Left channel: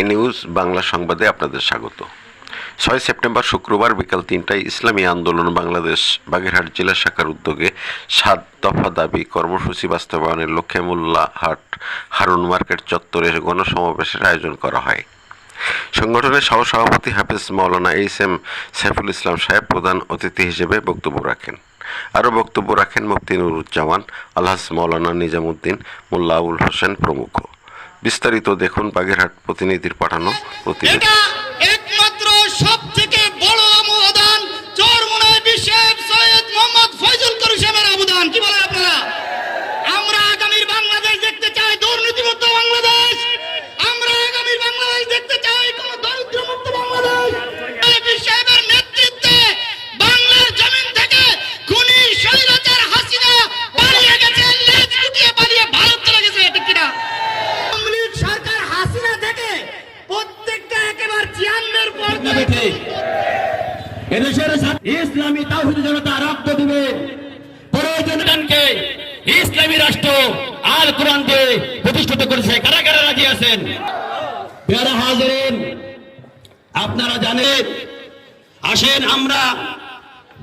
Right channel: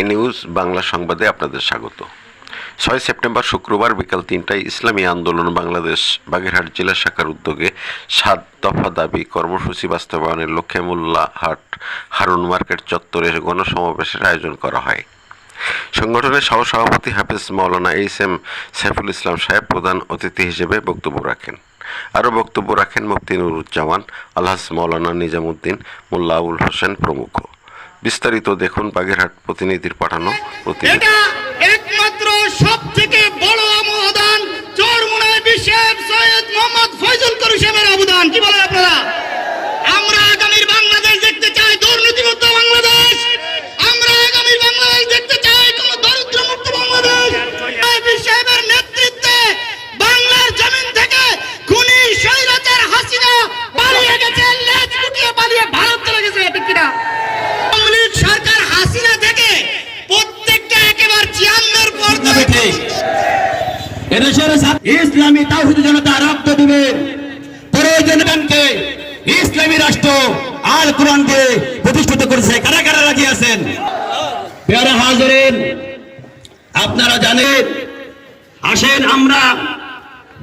এ news Bangla সংবাদে আপনাদের স্বাগত। 6 সেপ্টেম্বর শুক্রবার বিকাল 3টায় ইসলামী আন্দোলন বাংলাদেশ বাগেরহাট জেলা শাখার উদ্যোগে 7 দফা দাবি কর্মসূচি বাস্তবায়নের লক্ষ্যে মোল্লাহাট হারুন মার্কেট চত্বরে গণসমাবেশের আয়োজন করা হয়। সংগঠনের সহসভাপতি হাফেজ মাওলানা এইচ.এম. সাইফুল ইসলাম সাহেব প্রধান অতিথি হিসেবে বক্তব্য রাখেন। আরও বক্তব্য রাখেন মুফতি নুরুজ্জামান, আলহাজ মাওলানা নিজামুদ্দিন, মোল্লা আবুল হোসেন প্রমুখ। বিস্তারিত দেখুন বাগেরহাট প্রতিনিধির পাঠানো প্রতিবেদন। একমাত্র সবথেকে বড় অবদান চরমোনাই বিশেষ সৈয়দ মোহাম্মদ ফয়জুল করিম সাহেবের অবদান। কি বলেন আপনারা? আমরা আগামীর বাংলাদেশ দেখতে চাই দুর্নীতিমুক্ত বাংলাদেশ। আমরা আগামীর বাংলাদেশ দেখতে চাই কোন দরিদ্রমুক্ত বাংলাদেশ। এই সাহেবের নেতৃত্বে বাংলার জমিন থেকে খুনি স্বৈরাচার হাসিনা পালিয়ে গেছে, লেজ গুটিয়ে পালিয়ে ভারত চলে গেছে। এটা কিনা সরকার হাসিনা থেকে প্রত্যেকটা একেবারে 56 পর্যন্ত এদেশের ইসলামী তাওহীদি জনতা রক্ত দিবে প্রয়োজনকে ইসলামী রাষ্ট্র আল কোরআনকে প্রতিষ্ঠিত করেছে। কারা কারা রাজি আছেন? প্রিয় হাজিরিন, আপনারা জানেন, আসেন আমরা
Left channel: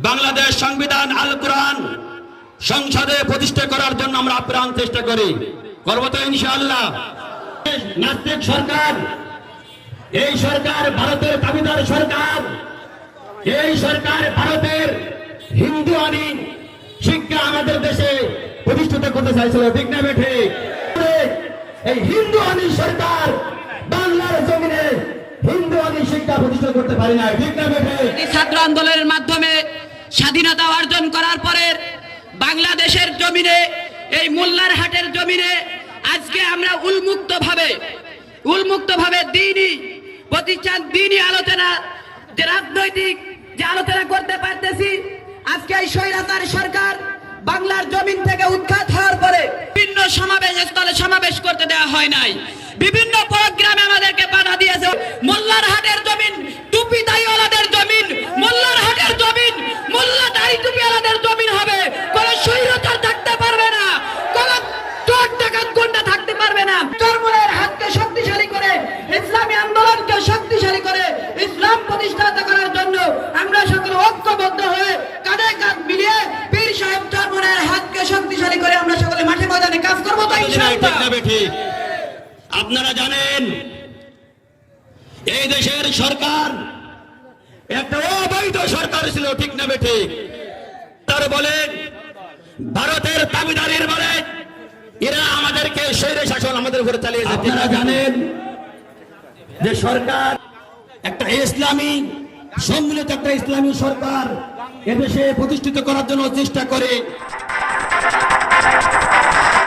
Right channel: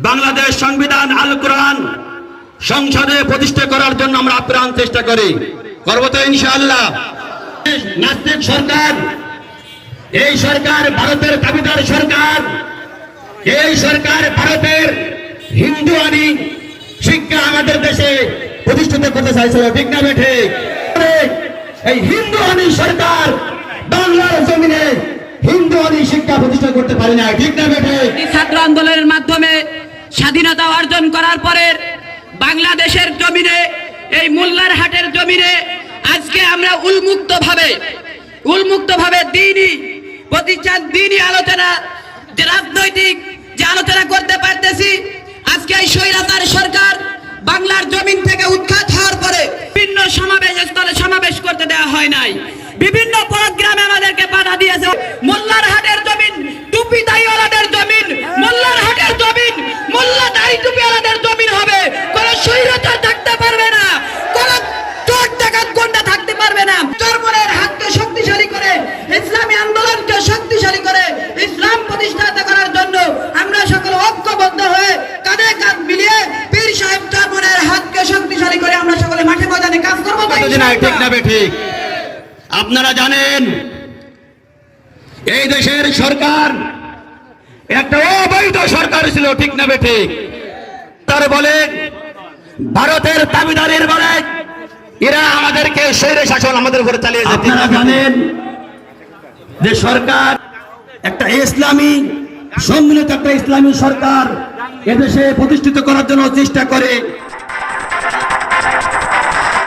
বাংলাদেশ সংবিধান আল কোরআন সংসদে প্রতিষ্ঠা করার জন্য আমরা আপ্রাণ চেষ্টা করি। করব তো ইনশাআল্লাহ। নাস্তিক সরকার, এই সরকার ভারতের দাবিদার সরকার, এই সরকার ভারতের হিন্দু আইন শিক্ষা আমাদের দেশে প্রতিষ্ঠিত করতে চাইছিল। ঠিক না ঠিক? এই হিন্দু আইন সরকার বাংলার জমিনে হিন্দু আইন শিক্ষা প্রতিষ্ঠা করতে পারে না। ঠিক না ঠিক? ছাত্র আন্দোলনের মাধ্যমে স্বাধীনতা অর্জন করার পরে বাংলাদেশের জমিনে, এই মোল্লার হাটের জমিনে আজকে আমরা উন্মুক্ত ভাবে দিনই প্রতিষ্ঠান, দিনই আলোচনা, যে রাজনৈতিক যে আলোচনা করতে পারতেছি। আজকে এই স্বৈরাচার সরকার বাংলার জমিন থেকে উৎখাত হওয়ার পরে বিভিন্ন সমাবেশ স্থলে সমাবেশ করতে দেওয়া হয় নাই। বিভিন্ন প্রোগ্রামে আমাদেরকে বাধা দিয়েছে। মোল্লার হাটের জমিন টুপি দাড়িওয়ালাদের জমিন, মোল্লার হাটের জমিন মোল্লা দাড়ি টুপিওয়ালাদের জমিন হবে। কোন স্বৈরাচার থাকতে পারবে না, কোন চোর ডাকাত গুন্ডা থাকতে পারবে না। চরমোনাইয়ের হাতকে শক্তিশালী করে, ইসলামী আন্দোলনকে শক্তিশালী করে ইসলাম প্রতিষ্ঠা করার জন্য আমরা সকলে ঐক্যবদ্ধ হয়ে কাঁধে কাঁধ মিলিয়ে পীর সাহেব চরমোনাইয়ের হাতকে শক্তিশালী করে আমরা সকলে মাঠে ময়দানে কাজ করব। ঠিক না ঠিক? আপনারা জানেন, এই দেশের সরকার একটা অবৈধ সরকার ছিল। ঠিক না ঠিক? তার বলে ভারতের দাবিদারের বলে এরা আমাদেরকে স্বৈর শাসন আমাদের উপরে চালিয়েছে। আপনারা জানেন যে সরকার একটা ইসলামী সম্মিলিত একটা ইসলামী সরকার এদেশে প্রতিষ্ঠিত করার জন্য চেষ্টা করে।